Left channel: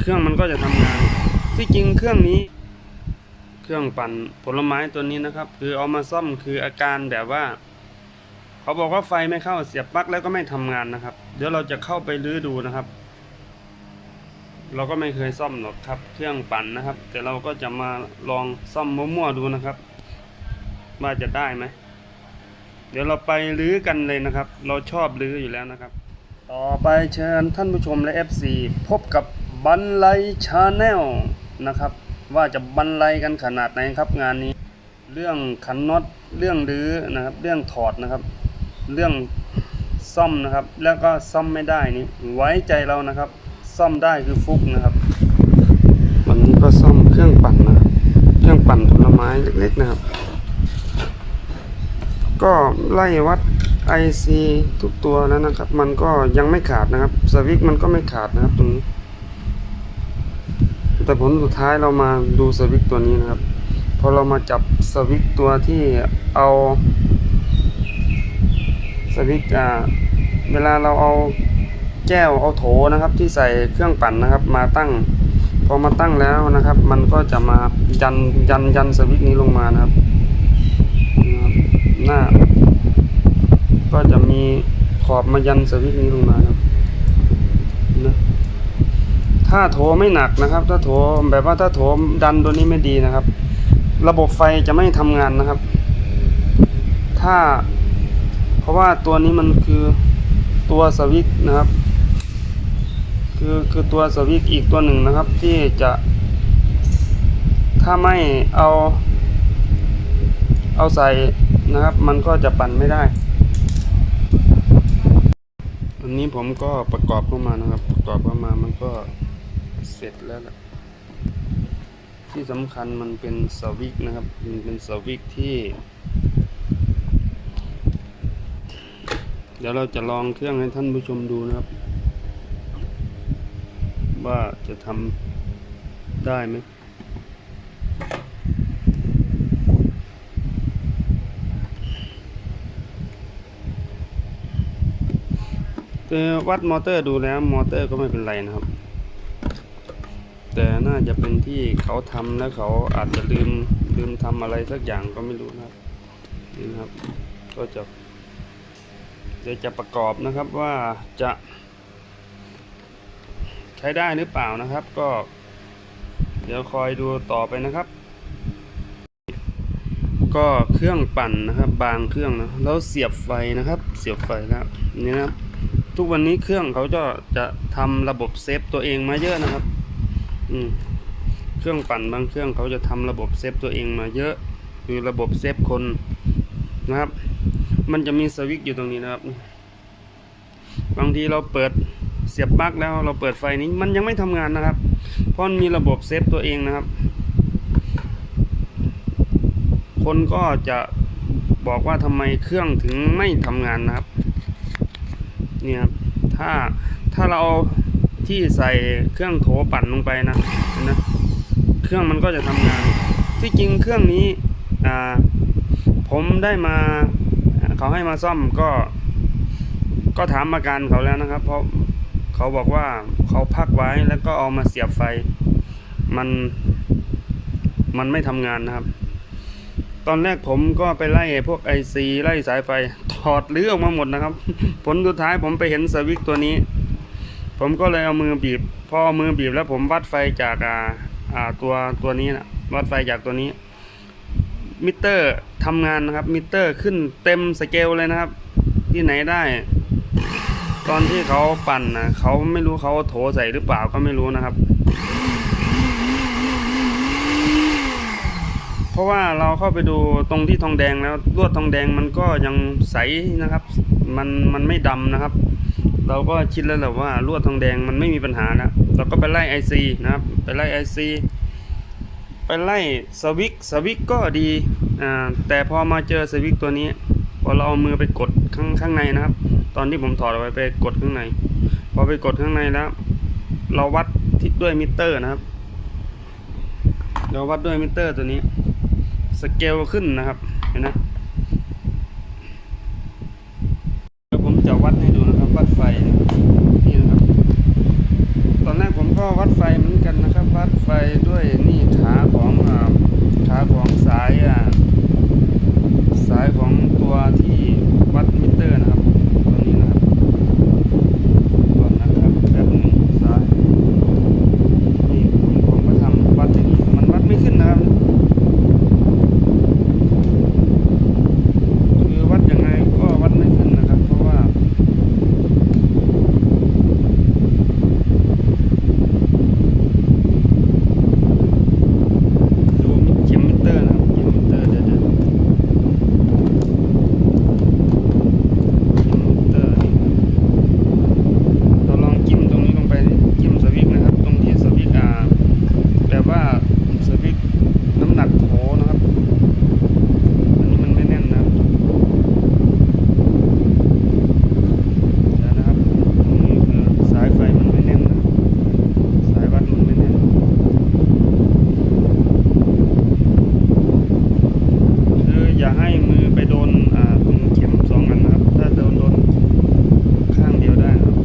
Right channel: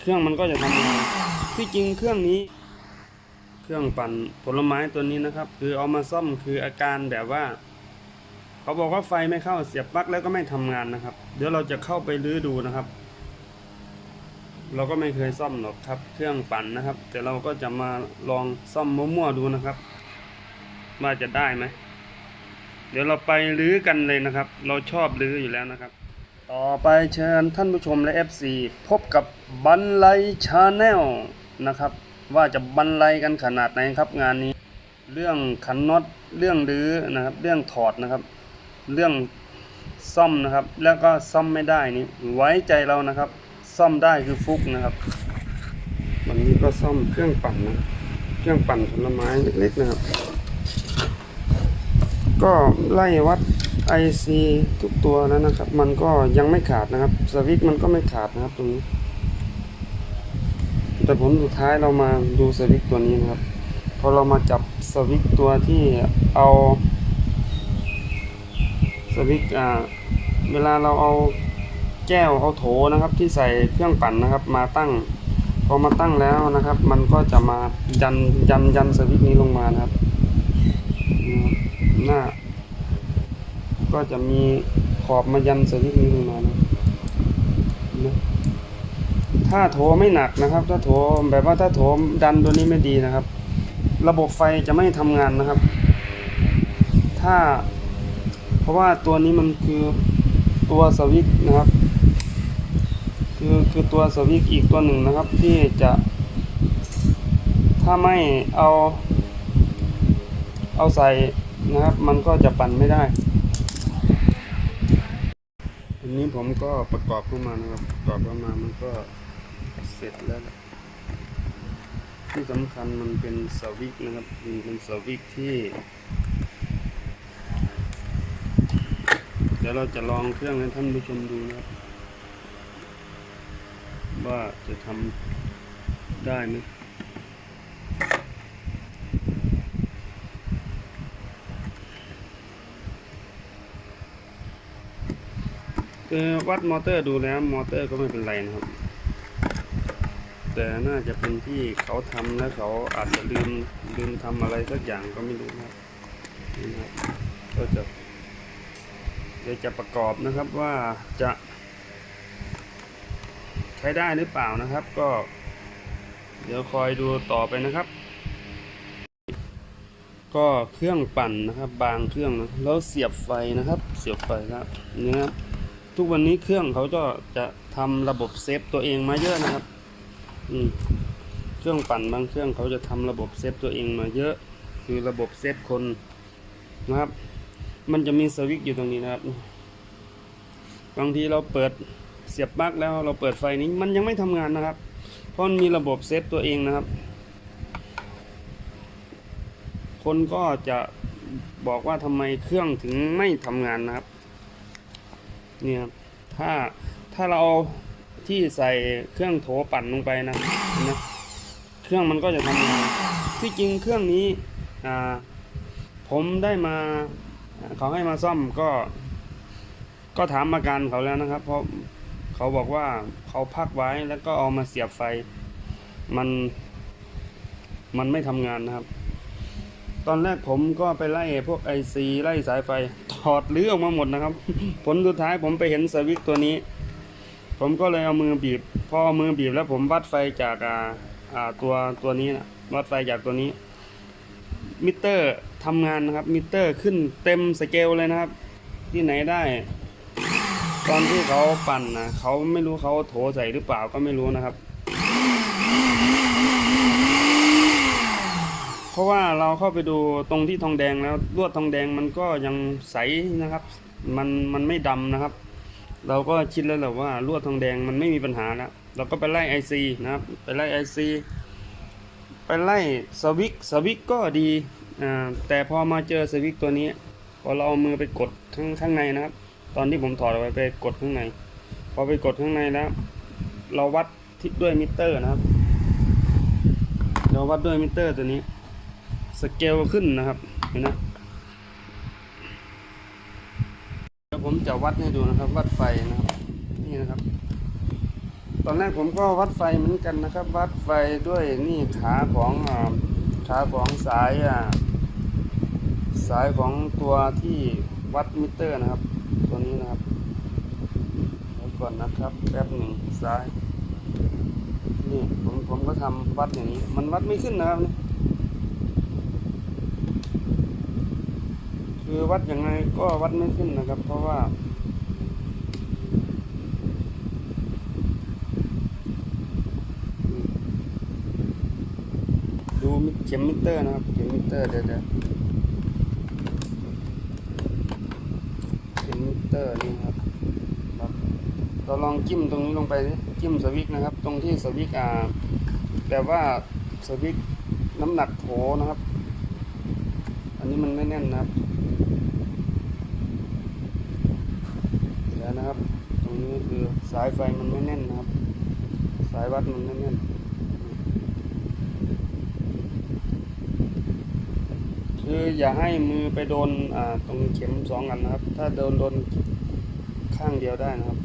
เครื่องมันก็จะทำงานที่จริงเครื่องนี้ เครื่องปั่นผลไม้ตัวนี้นะครับ คือเอามาซ่อมคืออาการแบบว่า เขาบอกว่าไฟไม่เข้าเสียบปลั๊กแล้วก็ไม่ทำงานนะครับ เดี๋ยวเราจะเข้าไปรื้อดูนะครับ เราก็ไม่เคยซ่อมหรอกครับ เครื่องปั่นนะครับ แต่เราก็จะมาลองซ่อมมั่วๆดูนะครับ ว่าจะได้ไหมเดี๋ยวเราไปรื้อกันเลยนะครับ เราชอบรื้ออยู่แล้วนะครับ ต่อไปเชิญท่านผู้ชมและ FC พบกับ บันไลชาแนลนะครับ ว่าจะบันไลกันขนาดไหนครับงานนี้ เรื่องขันน็อตเรื่องรื้อนะครับ เรื่องถอดนะครับ เรื่องซ่อมนะครับ แล้วก็ซ่อมไม่ได้นี่ไว้ใจเรานะครับ ซ่อมได้คือฟุกนะครับ วันนี้ก็ซ่อมเครื่องปั่นนะครับเครื่องปั่นผลไม้เล็กๆนะครับ ก็ไล่วัด IC ทุกตัวแล้วนะครับ มันก็ยังไม่ขาดนะครับสวิตมันก็ไม่ขาดนะครับตรงนี้ แต่ผลสุดท้ายเรามาดูสวิตตัวนี้นะครับ พอเรามาจับสวิตตัวที่เอาสวิตอ่าเวลาเราเอาแก้วเอาโถนะครับ ที่ใส่เครื่องปั่นนะครับ มาตั้ง พอมาตั้งแล้วนะครับ มันก็จะมายันยันยันสวิตนี้ลงมานะครับหน้า ก็จะมีขอบมายันสวิตนี้ลงมานะครับ ถ้าโถไม่หนักนะครับ ถ้าโถแบบว่าถ้าโถดันตัวนี้ไม่ดีนะครับ ระบบไฟจะไม่ทำงานนะครับ ถ้า เพราะว่าตัวนี้มันคือตัวสวิตนะครับ คือคือตัวสวิตอีกตัวหนึ่งนะครับ ที่จะถ้าไม่เอา เอาใส่นะครับ มันก็จะปั่นไม่ได้อันนี้ผมก็ประกอบเข้ามานะครับ ประกอบเข้ามามันก็ เสร็จแล้วล่ะที่สำคัญมันเป็นสวิตช์นะครับ มันเป็นสวิตช์ที่ เดี๋ยวเราจะลองเครื่องให้ท่านผู้ชมดูนะครับ ว่าจะทำได้ไหมวัดมอเตอร์ดูแล้วมอเตอร์ก็ไม่เป็นไรนะครับ แต่น่าจะเป็นที่เขาทำแล้วเขาอาจจะลืมลืมทำอะไรสักอย่างก็ไม่รู้นะครับนี่นะครับ ก็จะเดี๋ยวจะประกอบนะครับว่าจะใช้ได้หรือเปล่านะครับ ก็ เดี๋ยวคอยดูต่อไปนะครับ ก็เครื่องปั่นนะครับ บางเครื่องนะแล้วเสียบไฟนะครับ เสียบไฟแล้วนี่นะครับ ทุกวันนี้เครื่องเขาจะจะทำระบบเซฟตัวเองมาเยอะนะครับ อืมเครื่องปั่นบางเครื่องเขาจะทำระบบเซฟตัวเองมาเยอะ คือระบบเซฟคนนะครับ มันจะมีสวิตช์อยู่ตรงนี้นะครับ บางทีเราเปิดเสียบปลั๊กแล้วเราเปิดไฟนี้มันยังไม่ทำงานนะครับ เพราะมีระบบเซฟตัวเองนะครับ คนก็จะบอกว่าทำไมเครื่องถึงไม่ทำงานนะครับ เนี่ยครับ ถ้าถ้าเราเอา ที่ใส่เครื่องโถปั่นลงไปนะนะ เครื่องมันก็จะทำงาน ที่จริงเครื่องนี้อ่าผมได้มาเขาให้มาซ่อมก็ ก็ถามอาการเขาแล้วนะครับ เพราะเขาบอกว่าเขาพักไว้แล้วก็เอามาเสียบไฟ มัน มันไม่ทำงานนะครับ ตอนแรกผมก็ไปไล่พวกไอซีไล่สายไฟถอดเรือออกมาหมดนะครับ ผลสุดท้ายผมไปเห็นสวิตตัวนี้ ผมก็เลยเอามือบีบ พอเอามือบีบแล้วผมวัดไฟจากอ่าอ่าตัวตัวนี้นะวัดไฟจากตัวนี้ มิเตอร์ทำงานนะครับ มิเตอร์ขึ้นเต็มสเกลเลยนะครับ ที่ไหนได้ ตอนที่เขาปั่นนะเขาไม่รู้เขาโถใส่หรือเปล่าก็ไม่รู้นะครับ เพราะว่าเราเข้าไปดูตรงที่ทองแดงแล้วลวดทองแดงมันก็ยังใสนะครับ มันมันไม่ดำนะครับ เราก็คิดแล้วแหละว่าลวดทองแดงมันไม่มีปัญหาแล้วเราก็ไปไล่ไอซีนะครับไปไล่ไอซีไปไล่สวิกสวิกก็ดีอ่าแต่พอมาเจอสวิกตัวนี้พอเราเอามือไปกดข้างข้างในนะครับ ตอนที่ผมถอดออกไปไปกดข้างใน พอไปกดข้างในแล้ว เราวัดที่ด้วยมิเตอร์นะครับ เราวัดด้วยมิเตอร์ตัวนี้สเกลขึ้นนะครับเห็นนะเดี๋ยวผมจะวัดให้ดูนะ ไฟนะครับนี่นะครับ ตอนแรกผมก็วัดไฟเหมือนกันนะครับ วัดไฟด้วยนี่ขาของขาของสายอ่าสายของตัวที่วัดมิเตอร์นะครับตัวนี้นะครับก่อนนะครับแป๊บหนึ่งสายนี่ผมผมก็ทำวัดอย่างนี้มันวัดไม่ขึ้นนะครับ คือวัดยังไงก็วัดไม่ขึ้นนะครับ เพราะว่า ดูมิเข็มมิเตอร์นะครับเข็มมิเตอร์เดี๋ยวเดี๋ยวเข็มมิเตอร์นี่ครับเราลองจิ้มตรงนี้ลงไปดิจิ้มสวิกนะครับ ตรงที่สวิกอ่าแบบว่าสวิกน้ำหนักโถนะครับ อันนี้มันไม่แน่นนะครับ เดี๋ยวนะครับ ตรงนี้คือสายไฟมันไม่แน่นนะครับ สายวัดมันไม่แน่น คืออย่าให้มือไป โดนอ่าตรงเข็มสองอันนะครับ ถ้าโดนโดนข้างเดียวได้นะครับ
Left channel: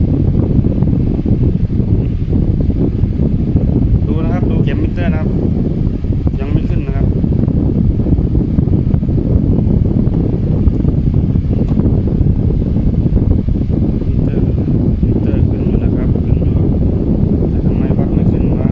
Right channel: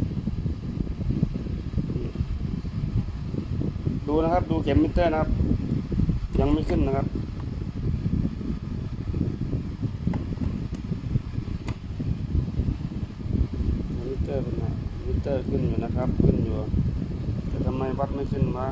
ดูนะครับดูเข็มมิเตอร์นะครับ ยังไม่ขึ้นนะครับ มิเตอร์นะมิเตอร์ขึ้นอยู่นะครับ ขึ้นอยู่แต่ทำไมวัดไม่ขึ้นวะ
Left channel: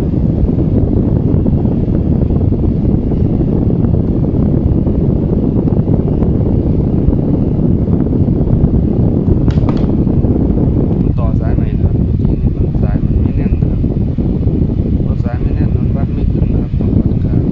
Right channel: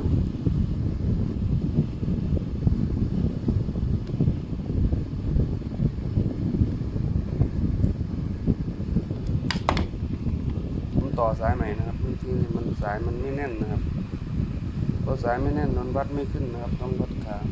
ผมต่อสายใหม่นะครับเมื่อกี้นี่มันสายมันไม่แน่นนะครับเพราะสายไม่แน่นมันวัดไม่ขึ้นนะครับ ต้องวัดกลาง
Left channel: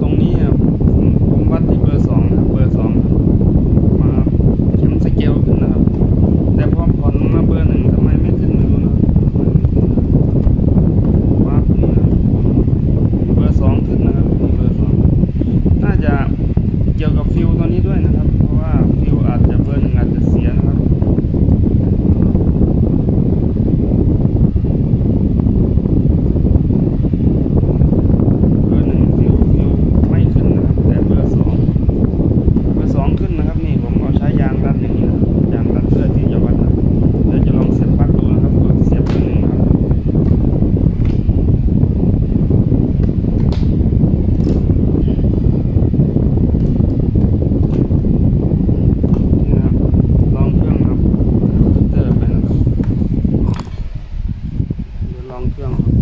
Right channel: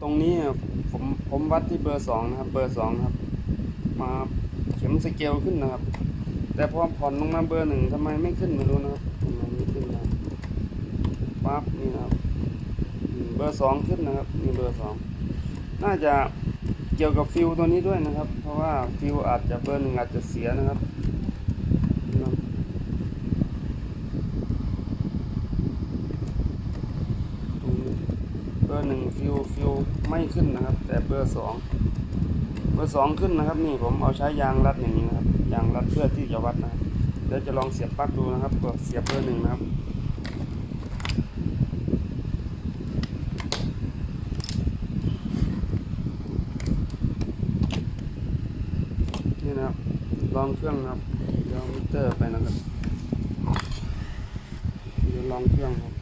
ตรงนี้อะผมผมวัดที่เบอร์สองนะครับ เบอร์สองครับ มาเข็มสเกลขึ้นนะครับ แต่พอผ่อนลงมาเบอร์หนึ่งทำไมไม่ขึ้นไม่รู้นะครับทำไมไม่ขึ้นนะวับนี่นะครับเบอร์ สองขึ้นนะครับนี่เบอร์สองน่าจะเกี่ยวกับฟิวตัวนี้ด้วยนะครับ เพราะว่าฟิวอาจจะเบอร์หนึ่งอาจจะเสียนะครับเบอร์หนึ่งฟิวฟิวไม่ขึ้นนะครับแต่เบอร์สองเบอร์สองขึ้นนะครับนี่ผมเอาใช้ยางรัดอย่างนี้นะยางรัดเพื่อที่จะวัดนะเดี๋ยวจะลองเสียบปลั๊กดูนะครับกดเสียบเบอร์หนึ่งนะครับนี่นะครับลองเครื่องนะครับเดี๋ยวมิเตอร์ไปนะครับเดี๋ยวลองเครื่องครับ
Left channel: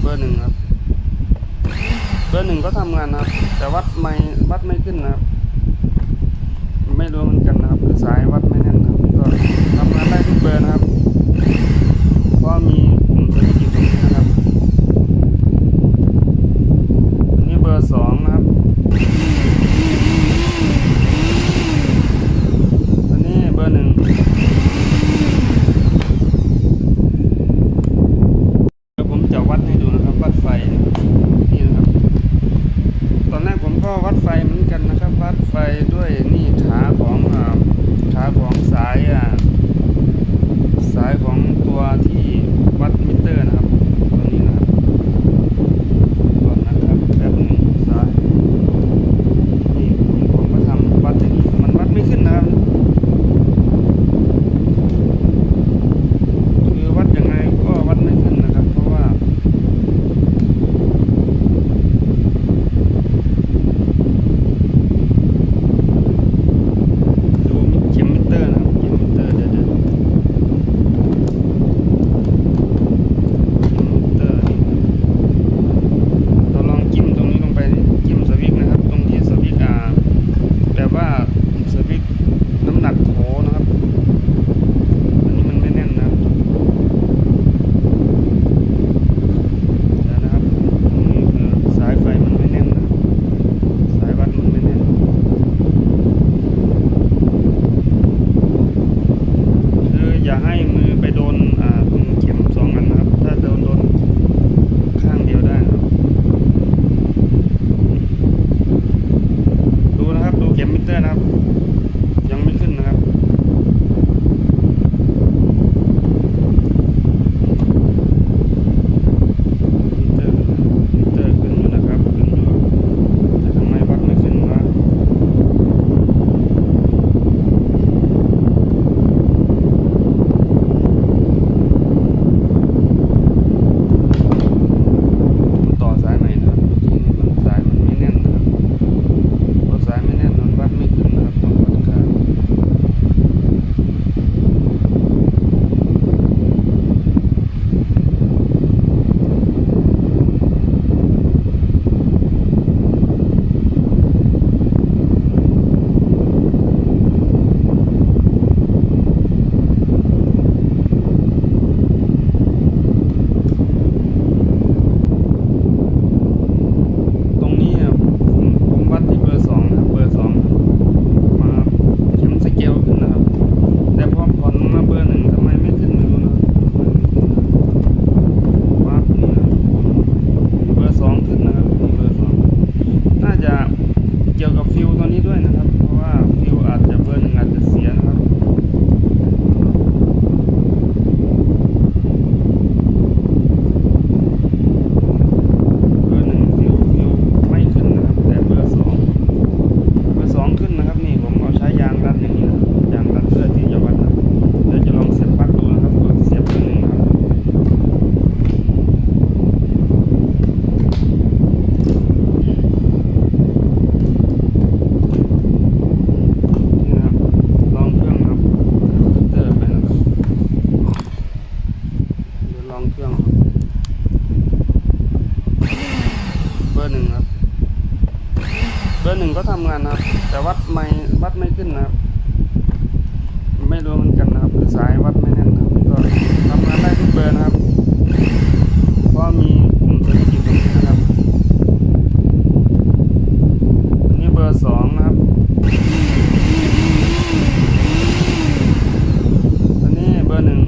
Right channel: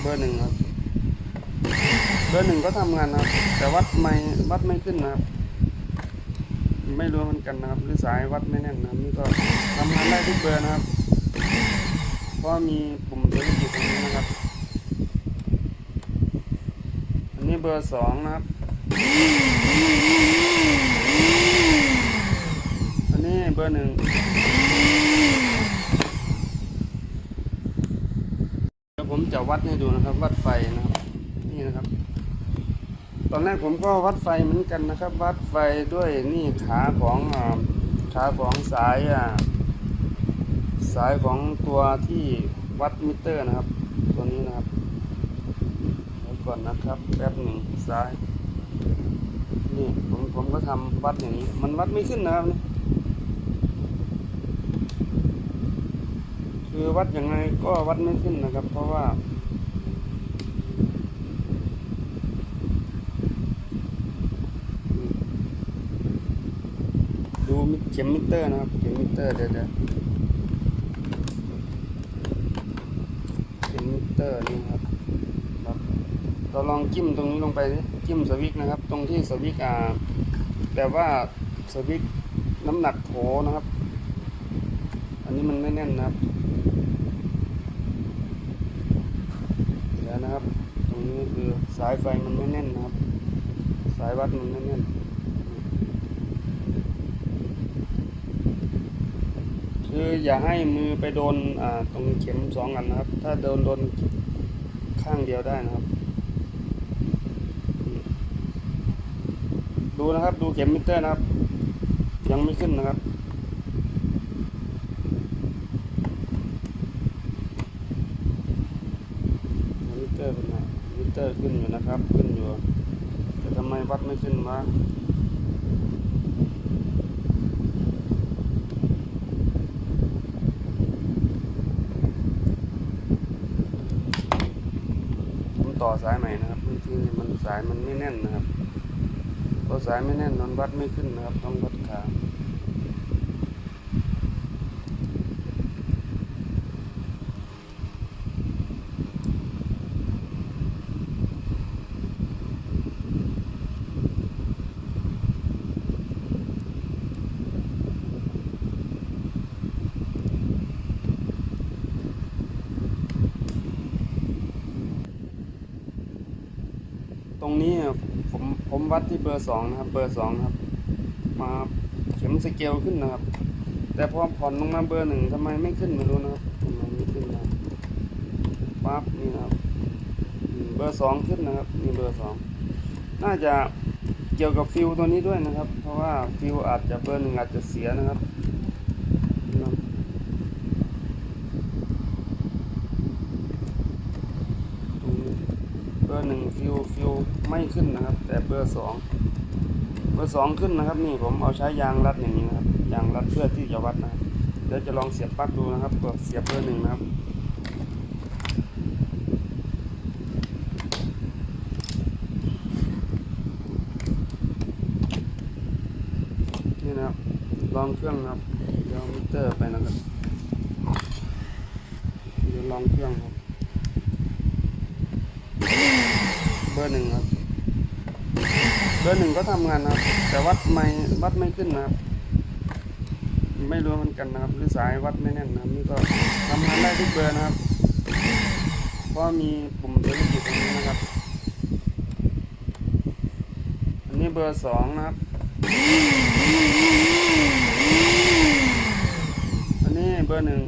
เบอ ร์หนึ่งครับ เบอร์หนึ่งก็ทำงานนะครับ แต่วัดไม่วัดไม่ขึ้นนะครับ ไม่รู้เหมือนกันนะครับคือสายวัดไม่แน่นนะครับนี่ก็ทำงานได้ทุกเบอร์นะครับ เพราะมีปุ่มเซนซิทีฟตรงนี้นะครับ อันนี้เบอร์สองนะครับ อันนี้เบอร์หนึ่ง เดี๋ยวผมจะวัดให้ดูนะครับ วัดไฟนะครับนี่นะครับ ตอนแรกผมก็วั ดไฟเหมือนกันนะครับ วัดไฟด้วยนี่ขาของอขาของสายอ่าสายของตัวที่วัดมิเตอร์นะครับ ไปโดนอ่าตรงเข็มสองอันนะครับ ถ้าโดนโดนข้างเดียวได้นะครับ ดูนะครับดูเข็มมิเตอร์นะครับ ยังไม่ขึ้นนะครับ ฟิลตัวนี้ด้วยนะครับ เพราะว่าฟิลอาจจะเบอร์หนึ่งอาจจะเสียนะครับ ก็ทำงานนะครับ แต่วัดไม่วัดไม่ขึ้นนะครับ ไม่รู้เหมือนกันนะครับหรือสายวัดไม่แน่นนะครับก็ทำงานได้ทุกเบอร์นะครับ เพราะมีกลุ่มธุรกิจตรงนี้นะครับอันนี้เบอร์สองนะครับอันนี้เบอร์หนึ่ง